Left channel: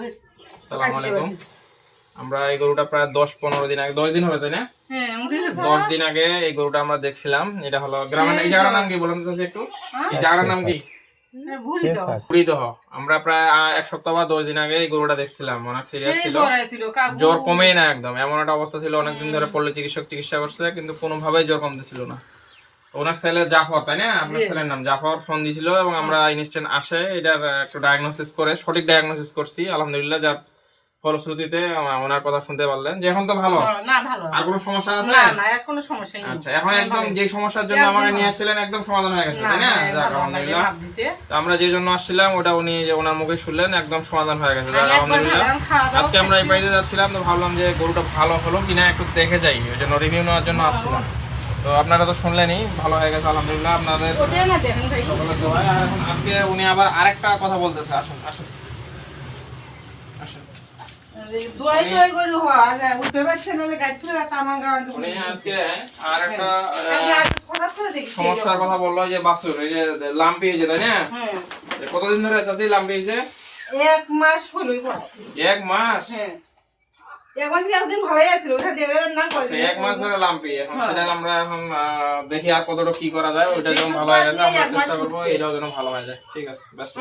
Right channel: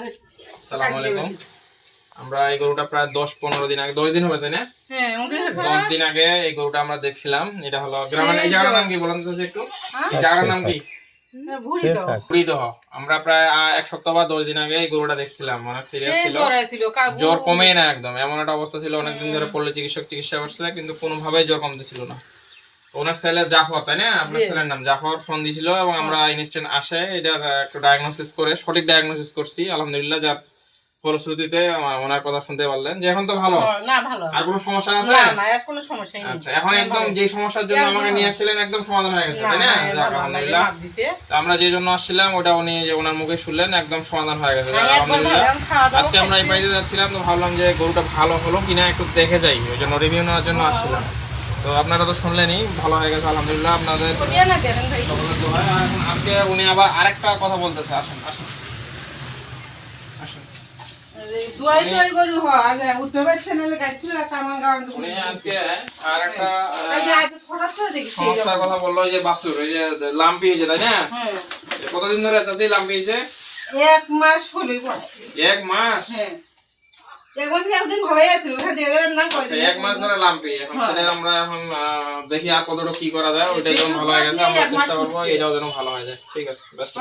আসসালামু আলাইকুম। আমরা এই গরুটা প্রায় 10-15 দিন আগে, 10 দিন হবে তাই না? হ্যাঁ 10 দিন আগে এই গরুটা আমরা দেখছিলাম। এটা হলো গ্রামের, এই জায়গাটার নাম কি বলেন তো একটু? এই জায়গাটার নাম কি? বুড়িদহ। আমরা প্রায় 1 সপ্তাহ বা 10 দিন আগে এই গরুটা দেখছিলাম। অনেক সিরিয়াস ছিল, জ্বর কমেই না একদম, এমন একটা অবস্থা ছিল। অনেকদিন ধরে পল্লী চিকিৎসক চিকিৎসা করছে কিন্তু কোনোভাবেই জ্বর কমতেছিল না। ওনার ছেলে জাফর, তাই না? আপনার ছেলের নাম জাফর, ফোন দিছিল এবং আমরা ইনস্ট্যান্ট আসে এটার একটু ডায়াগনোসিস করে সঠিক ডায়াগনোসিস করছি আলহামদুলিল্লাহ। যার ফলশ্রুতিতে ওনার কথা শুনতে পারলেন যে এখন তো ভালো। না ভালো। আর কোনো সমস্যা আছে? না না, আর কোনো সমস্যাই নেই। আচ্ছা, এখন একদম যে সমস্যার জন্য আমাকে নিয়ে আসছিলেন একদম সমাধান হয়ে গেছে, তাই না? যাক আলহামদুলিল্লাহ। তো আমরা যে জন্য আসছিলাম ওটা উনি যে ওনার মুখে শুনলেন একদম সমাধান হয়ে গেছে, যাক আলহামদুলিল্লাহ। আজকে আমরা এই বাড়িতে যাচ্ছিলাম তো ভাবলাম যে গরুটা ভালো হলো কিনা একটু দেখে যাই, ওই জন্য রিভিউ নেওয়ার জন্য আসছিলাম। তো আপনারা তো শুনলেনই, ভালো হয়ে গেছে আলহামদুলিল্লাহ আপনাদের সকলের দোয়ায়। আর এখন আজকে উনি আবার আরেকটা কথা বলতেছে, আসেন আসেন আসেন। উনি আজকে আরেকটা সমস্যার কথা বললো, যে বাছুর এই যে লাম্পি হয়েছে, তাই না? কতদিন ধরে চাচি লাম্পি হয়েছে? 1 মাস হলো। 1 মাস? হ্যাঁ, একদিন ভালোই আছিল, আচ্ছা, 1 মাস ধরে লাম্পি। এখন সেটা আমরা এখন দেখি আর কতটা কি করা যায়। ওইটা যখন ভালো হয়ে গেছে আমরা চেষ্টা করবো এটাও যেন ভালো হয়ে যায়। ঠিক আছে, ব্যস্ত।